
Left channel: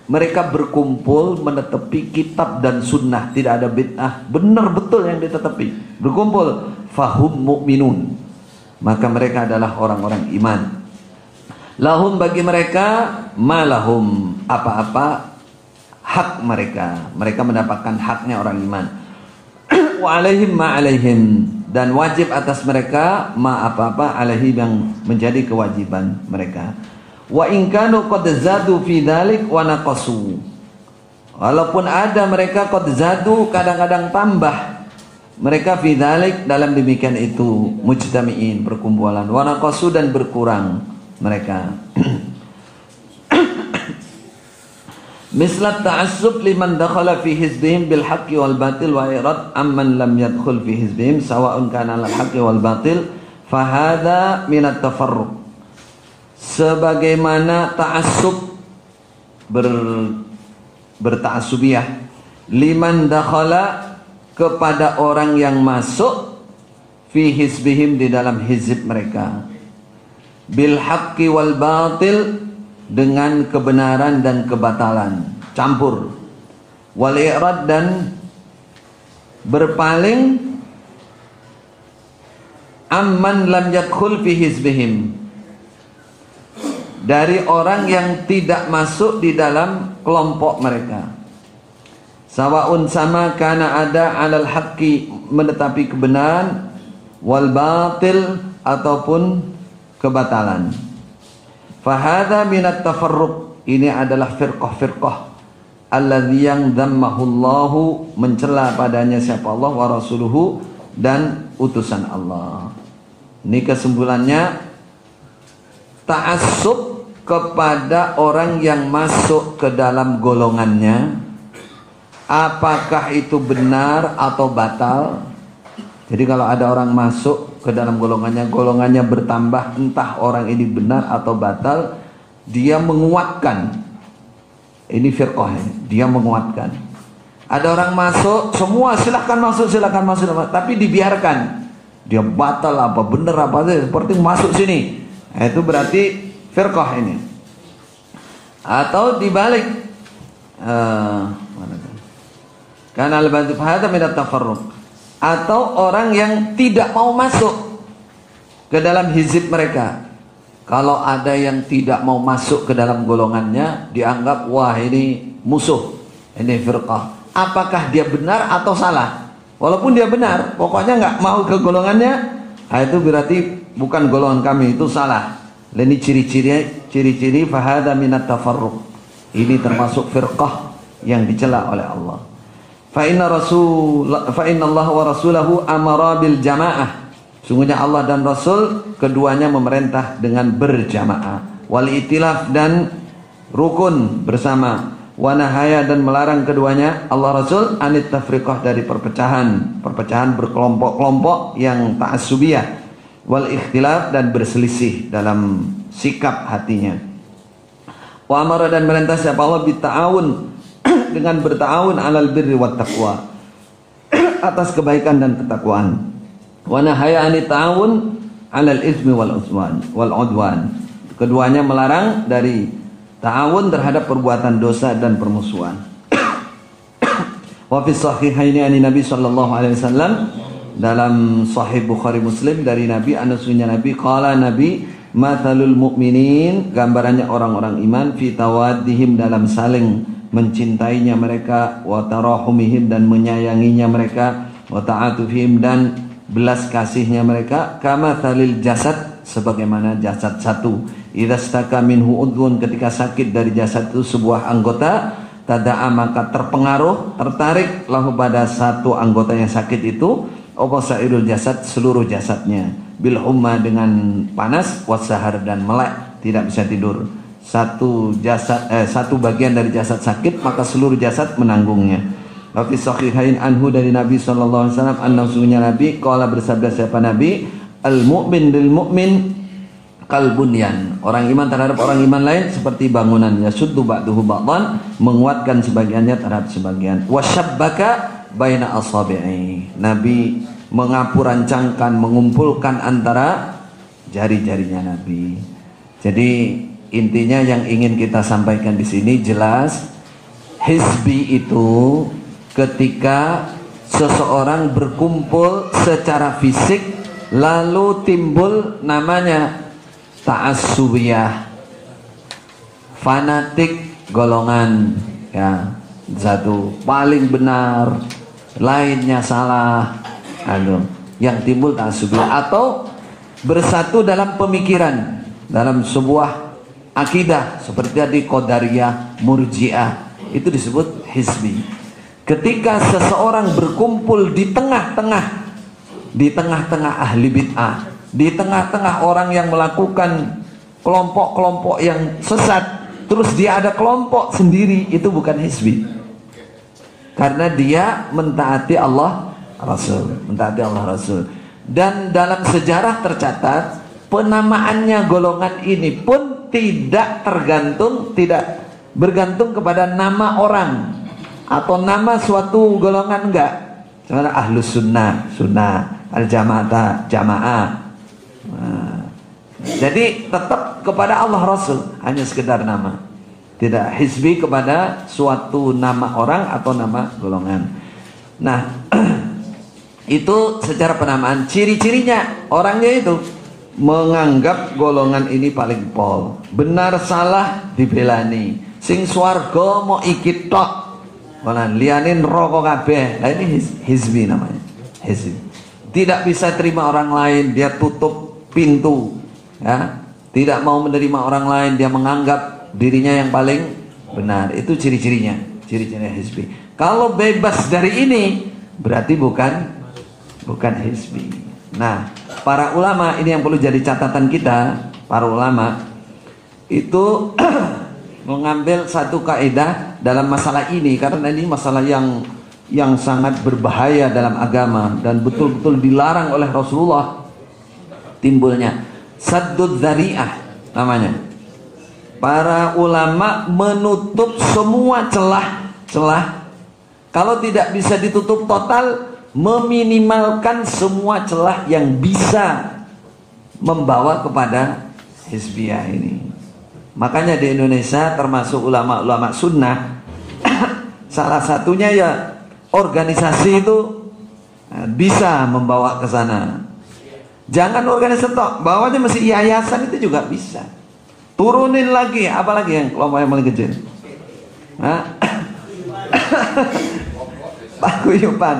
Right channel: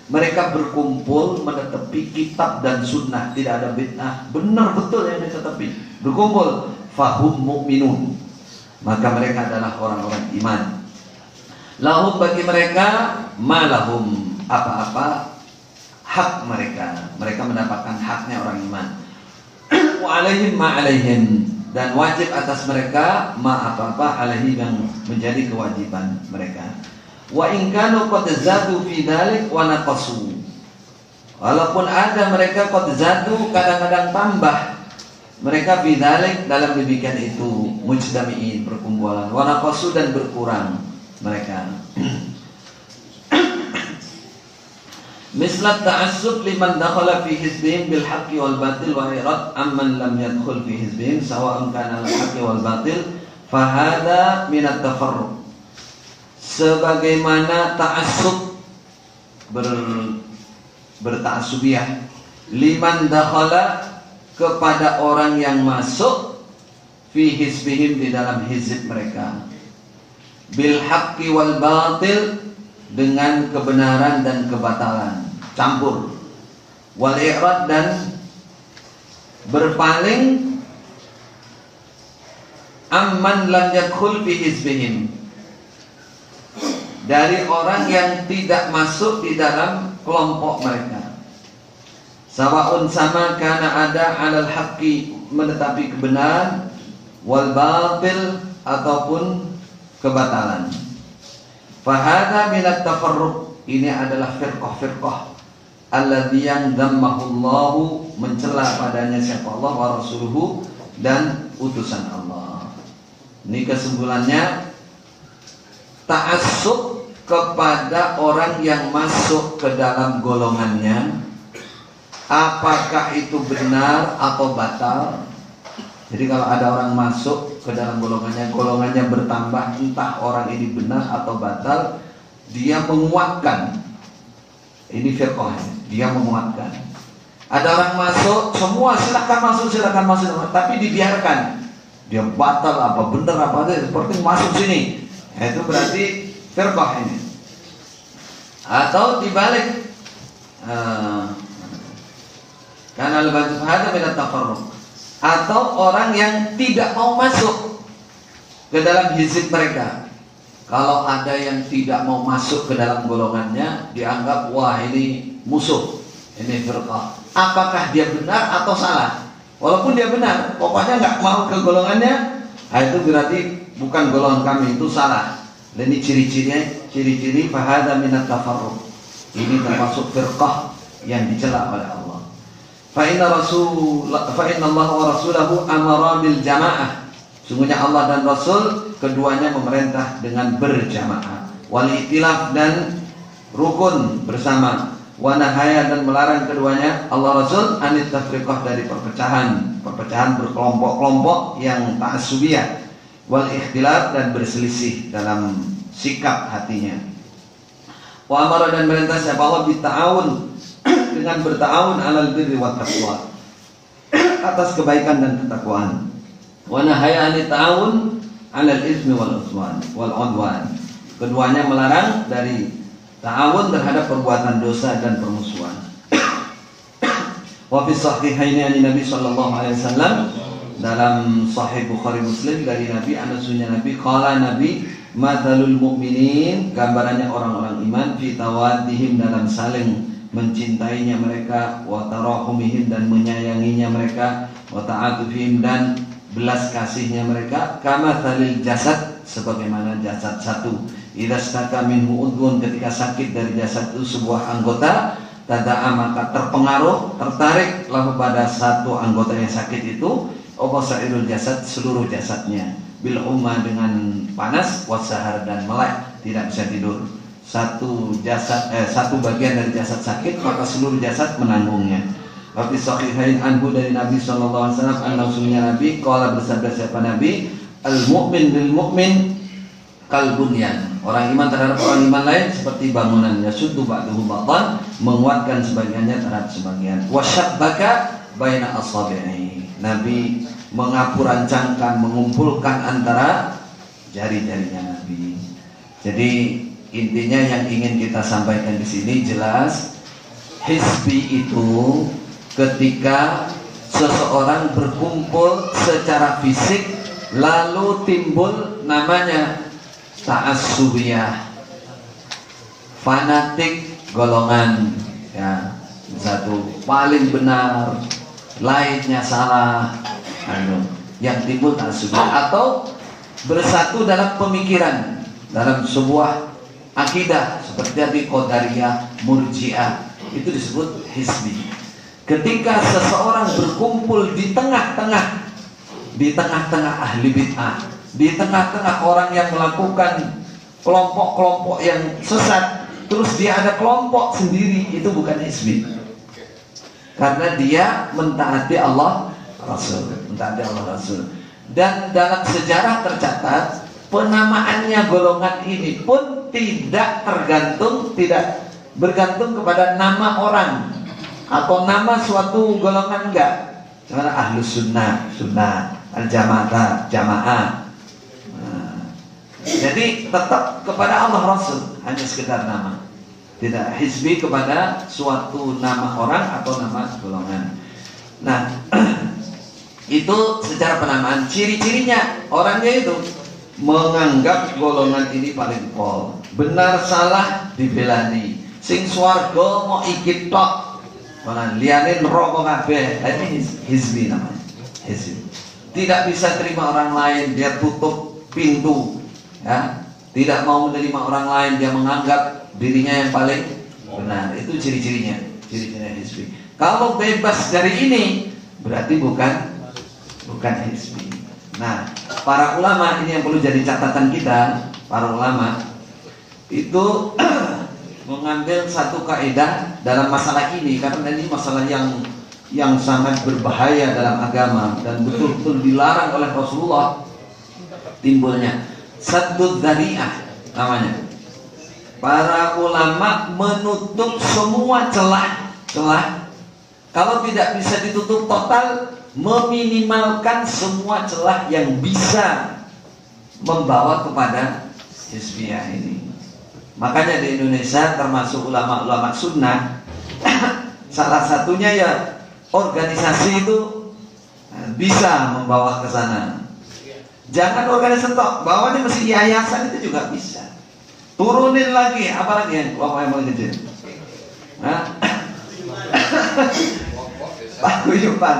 Mereka berkumpul menetapi kitab dan sunnah, tidak ada bid'ah, benar betul yang ditetapi, berkumpul, fahum mu'minun, maka mereka adalah orang-orang iman. Lahum, bagi mereka, malahum, apa-apa hak mereka, mereka mendapatkan haknya orang iman. Wa alaihim ma alaihim, dan wajib atas mereka ma apa-apa alaihi, yang menjadi kewajiban mereka. Wa in kanu qad zadu fi dzalik wa naqasu, walaupun ada mereka qad zadu, kadang-kadang tambah mereka fi dzalik, dalam demikian itu, mujtami'in, perkumpulan, wa naqasu, dan berkurang mereka. Mislat ta'assub liman dakhala fi hizbihim bil haqqi wal batil wa irad amman lam yadkhul fi hizbihim sawa'un kana al haqqi wal batil fa hadha min at tafarruq. Sebagaimana ta'assub, berta'assubiyah, liman dakhala, kepada orang yang masuk, fi hizbihim, di dalam hizib mereka, bil haqqi wal batil, dengan kebenaran dan kebatalan, campur, wal i'rad, dan berpaling, amman lam yadkhul fi hizbihim, dari orang yang tidak masuk di dalam kelompok mereka. Sawaun, sama, karena ada alal haqqi, menetapi kebenaran, wal batil, ataupun kebatalan. Fahadha minat tafarruq, ini adalah firqah-firqah alladzi yang dhammahullahu, mencela padanya siapa Allah wa rasuluhu dan utusan Allah. Ini kesimpulannya, ta'assub kepada orang yang masuk ke dalam golongannya, apakah itu benar atau batal. Jadi kalau ada orang masuk ke dalam golongannya bertambah, entah orang ini benar atau batal, dia menguatkan. Ini firqah, dia menguatkan. Ada orang masuk, semua silakan masuk, tapi dibiarkan. Dia batal apa benar apa aja, seperti masuk sini. Nah, itu berarti firqah ini. Atau dibalik, karena al-badzib hada min at-tafarruq, atau orang yang tidak mau masuk ke dalam hizib mereka. Kalau ada yang tidak mau masuk ke dalam golongannya, dianggap wah ini musuh, ini firqah. Apakah dia benar atau salah? Walaupun dia benar, pokoknya nggak mau ke golongannya, nah itu berarti bukan golongan kami, itu salah. Dan ini ciri-ciri fahada minat tafarruq. Ini termasuk firqah yang dicela oleh Allah. Fa inna Allah wa rasulahu amara bil jamaah. Sungguhnya Allah dan Rasul keduanya memerintah dengan berjamaah, wal itilaf dan rukun bersama, wa nahaya dan melarang keduanya Allah Rasul anit tafriqah dari perpecahan berkelompok-kelompok yang ta'assubiyah, wal ikhtilaf dan berselisih dalam sikap hatinya. Wa amara dan merintah siapa Allah bita'awun dengan berta'awun alal birri wat taqwa, atas kebaikan dan ketakwaan. Wa nahaya anit ta'awun 'alal itsmi wal udwan. Keduanya melarang dari ta'awun terhadap perbuatan dosa dan permusuhan. Wa fi sahihaini an Nabi sallallahu alaihi wasallam, dalam sahih Bukhari Muslim dari Nabi, anasnya Nabi qala, Nabi, matalul mu'minin, gambarannya orang-orang iman, fi tawaddihim, dalam saling mencintainya mereka, wa tarahumihim dan menyayanginya mereka, wa ta'atufihim dan belas kasihnya mereka, kama thalil jasad, sebagaimana jasad satu, idza staka minhu udhun, ketika sakit dari jasad itu sebuah anggota, tada'a maka terpengaruh, tertarik lahu pada satu anggota yang sakit itu, sairul jasad, seluruh jasadnya, bil humma dengan panas, wasahar dan melek, tidak bisa tidur. Satu bagian dari jasad sakit, maka seluruh jasad menanggungnya. Wa fi sahihain anhu, dari Nabi sallallahu alaihi wasallam, annasunya Nabi qala, bersabda siapa Nabi, al mu'min bil mu'min kal bunyan, orang iman terhadap orang iman lain seperti bangunan, yasuddu ba'duhu ba'dhan, menguatkan sebagiannya terhadap sebagian. Wasyabbaka baina asabi'i, Nabi mengapurancangkan, mengumpulkan antara jari-jarinya Nabi. Jadi intinya yang ingin kita sampaikan di sini jelas, hizbi itu ketika seseorang berkumpul secara fisik lalu timbul namanya ta'assubiyah, fanatik golongan, ya, satu paling benar, lainnya salah, yang timbul ta'assubiyah, atau bersatu dalam pemikiran, dalam sebuah akidah seperti tadi Qadariyah, Murji'ah, itu disebut hizbi. Ketika seseorang berkumpul di tengah-tengah ahli bid'ah, di tengah-tengah orang yang melakukan kelompok-kelompok yang sesat, terus dia ada kelompok sendiri, itu bukan hizbi, karena dia mentaati Allah Rasul, dan dalam sejarah tercatat penamaannya golongan ini pun tidak bergantung kepada nama orang atau nama suatu golongan, enggak. Karena ahlus sunnah, al-jamaah, jamaah. Nah, jadi tetap kepada Allah Rasul, hanya sekedar nama, tidak hizbi kepada suatu nama orang atau nama golongan. Nah, itu secara penamaan. Ciri-cirinya orangnya itu menganggap golongan ini paling pol, benar salah dibelani, sing swarga mau ikit tok, malah lianin rokok kabeh. Nah, ini hizbi namanya, hizbi. Tidak bisa terima orang lain, dia tutup pintu, ya, tidak mau menerima orang lain, dia menganggap dirinya yang paling benar. Itu ciri-cirinya hizbi. Kalau bebas dari ini berarti bukan hizbi. Nah, para ulama ini yang perlu jadi catatan kita. Para ulama itu mengambil satu kaidah dalam masalah ini, karena ini masalah yang sangat berbahaya dalam agama dan betul-betul dilarang oleh Rasulullah. Timbulnya saddud dzari'ah namanya. Para ulama menutup semua celah-celah. Kalau tidak bisa ditutup total, meminimalkan semua celah yang bisa membawa kepada hizbiyah ini. Makanya di Indonesia termasuk ulama-ulama sunnah salah satunya ya organisasi itu bisa membawa ke sana. Jangan organisasi tok, bawahnya mesti yayasan itu juga bisa. Turunin lagi, apalagi yang kelompok yang paling kecil. Nah, paguyuban.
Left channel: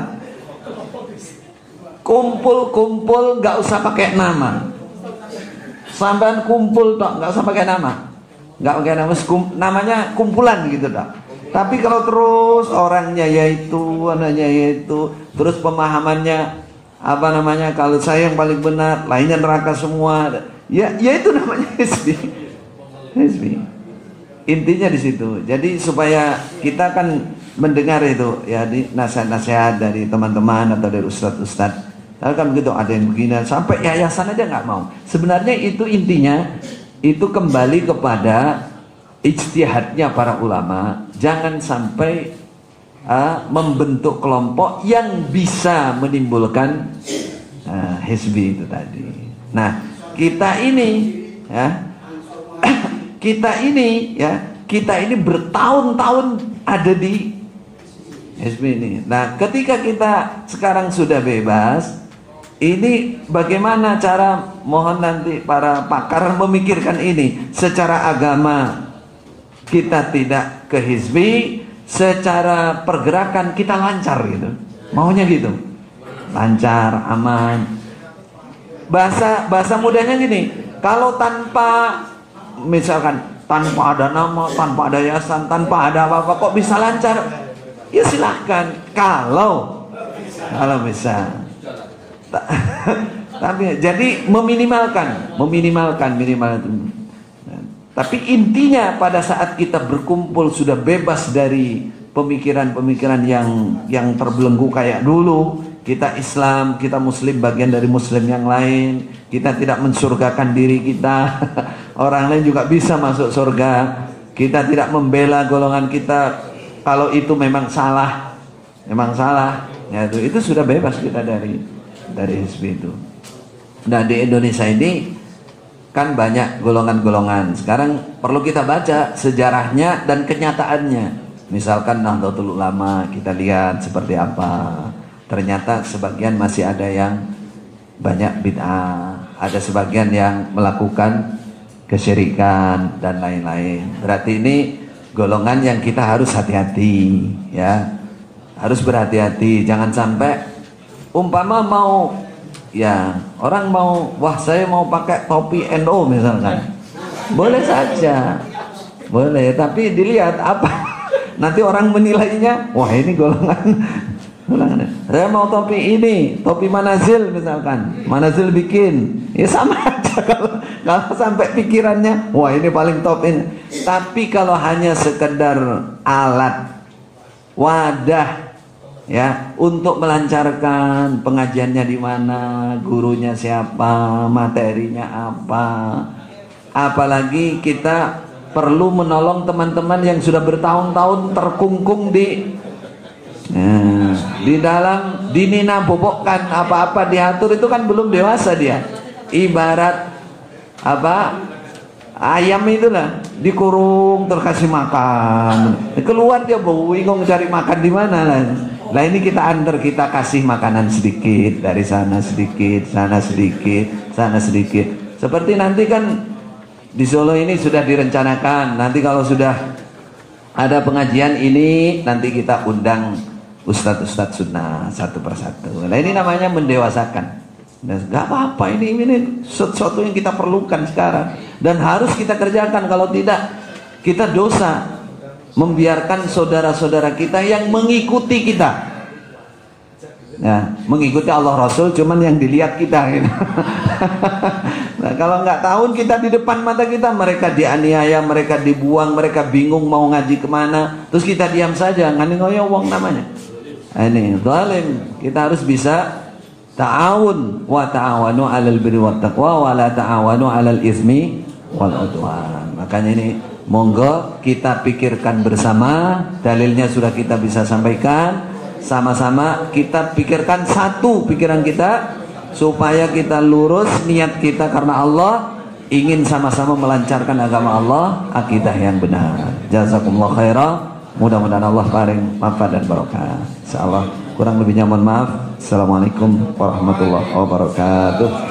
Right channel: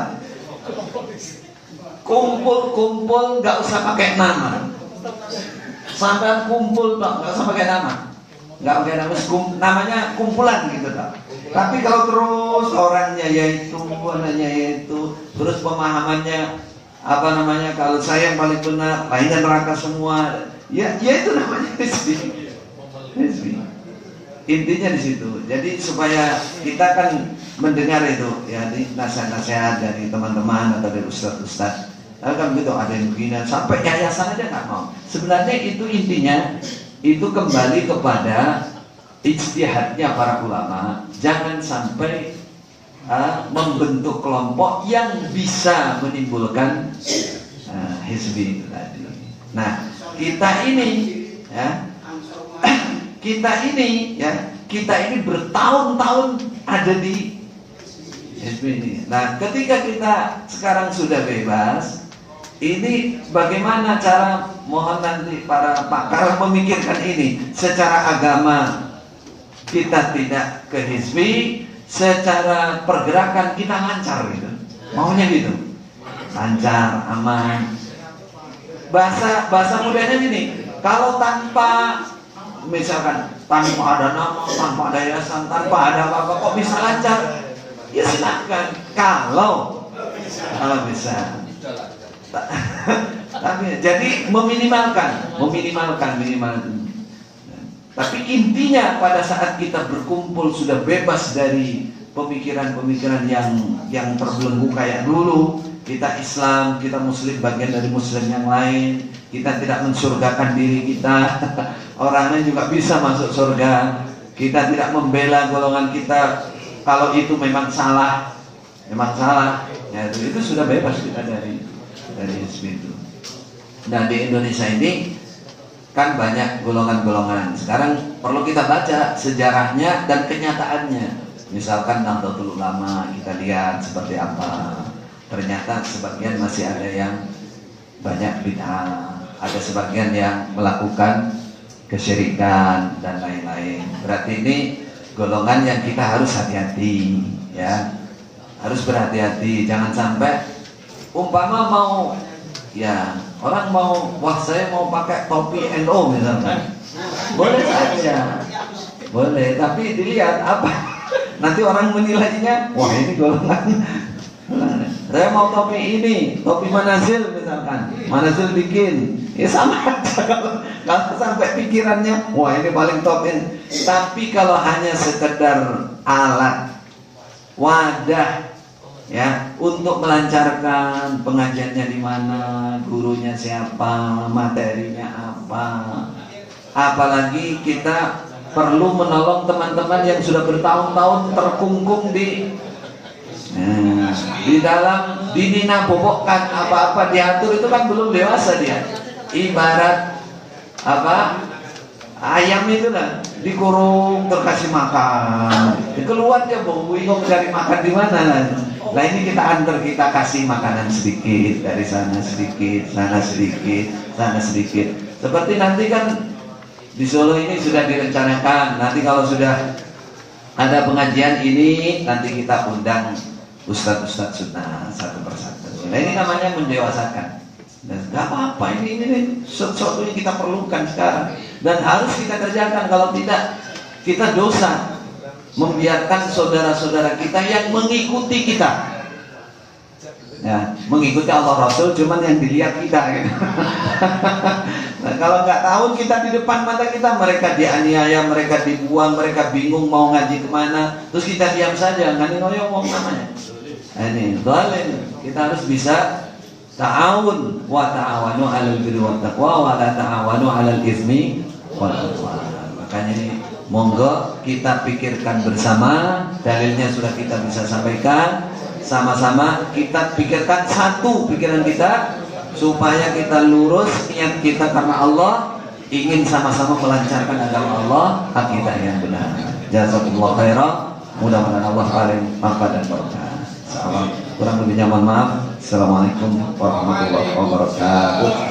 Kumpul nggak usah pakai nama. Sampai kumpul dok, nggak usah pakai nama. Nggak pakai nama, namanya kumpulan gitu dok. Tapi kalau terus orangnya yaitu, anaknya yaitu, terus pemahamannya apa namanya, kalau saya yang paling benar, lainnya neraka semua. Ya itu namanya hizbi. Intinya di situ. Jadi supaya kita kan mendengar itu ya, di nasihat-nasihat dari teman-teman atau dari ustadz-ustadz. Lalu kan gitu, ada yang begini sampai yayasan aja nggak mau. Sebenarnya itu intinya itu kembali kepada ijtihadnya para ulama. Jangan sampai membentuk kelompok yang bisa menimbulkan hizbi itu tadi. Nah, kita ini ya, kita ini bertahun-tahun ada di hizbi ini. Nah, ketika kita sekarang sudah bebas, ini bagaimana cara, mohon nanti para pakar memikirkan ini. Secara agama kita tidak ke hizbi, secara pergerakan kita lancar gitu. Maunya gitu. Lancar, aman. Bahasa mudahnya gini, kalau tanpa misalkan tanpa ada nama, tanpa ada yayasan, tanpa ada apa-apa kok bisa lancar? Ya silahkan kalau bisa. Tapi jadi meminimalkan. Tapi intinya pada saat kita berkumpul sudah bebas dari pemikiran-pemikiran yang terbelenggu kayak dulu. Kita Islam, kita Muslim, bagian dari Muslim yang lain. Kita tidak mensurgakan diri kita. Orang lain juga bisa masuk surga. Kita tidak membela golongan kita kalau itu memang salah. Ya itu sudah bebas kita dari hizbi itu. Nah, di Indonesia ini kan banyak golongan-golongan. Sekarang perlu kita baca sejarahnya dan kenyataannya. Misalkan Nahdlatul Ulama, kita lihat seperti apa. Ternyata sebagian masih ada yang banyak bid'ah, ada sebagian yang melakukan kesyirikan dan lain-lain. Berarti ini golongan yang kita harus hati-hati, ya. Harus berhati-hati, jangan sampai umpama mau, ya orang mau, wah saya mau pakai topi NO misalkan, boleh saja, boleh, tapi dilihat apa, nanti orang menilainya, wah ini golongan. Saya mau topi ini, topi Manazil misalkan, Manazil bikin, ya sama aja kalau sampai pikirannya, wah ini paling top ini. Tapi kalau hanya sekedar alat, wadah, ya, untuk melancarkan pengajiannya di mana, gurunya siapa, materinya apa. Apalagi kita perlu menolong teman-teman yang sudah bertahun-tahun terkungkung di dalam dinina bobokkan apa-apa diatur, itu kan belum dewasa dia. Ibarat apa? Ayam itu lah dikurung terkasih makan, keluar dia bingung cari makan di mana. Nah ini kita antar, kita kasih makanan sedikit, dari sana sedikit, sana sedikit, sana sedikit. Seperti nanti kan di Solo ini sudah direncanakan, nanti kalau sudah ada pengajian ini, nanti kita undang ustadz-ustadz sunnah satu persatu. Nah ini namanya mendewasakan. Dan nggak apa-apa, ini sesuatu yang kita perlukan sekarang dan harus kita kerjakan. Kalau tidak, kita dosa membiarkan saudara-saudara kita yang mengikuti kita. Nah, mengikuti Allah Rasul cuman yang dilihat kita gitu. Nah, kalau nggak tahu kita di depan mata kita, mereka dianiaya, mereka dibuang, mereka bingung mau ngaji kemana, terus kita diam saja, ngani ngoyo wong namanya. Nah, ini zalim. Kita harus bisa ta'awun wa ta'awanu 'alal birri wat taqwa wa la ta'awanu 'alal itsmi wal 'udwan. Makanya ini monggo kita pikirkan bersama, dalilnya sudah kita bisa sampaikan. Sama-sama kita pikirkan satu pikiran kita supaya kita lurus niat kita karena Allah, ingin sama-sama melancarkan agama Allah, akidah yang benar. Jazakumullah khairan. Mudah-mudahan Allah paling manfaat dan barokah. Insyaallah kurang lebihnya mohon maaf. Assalamualaikum warahmatullahi wabarakatuh.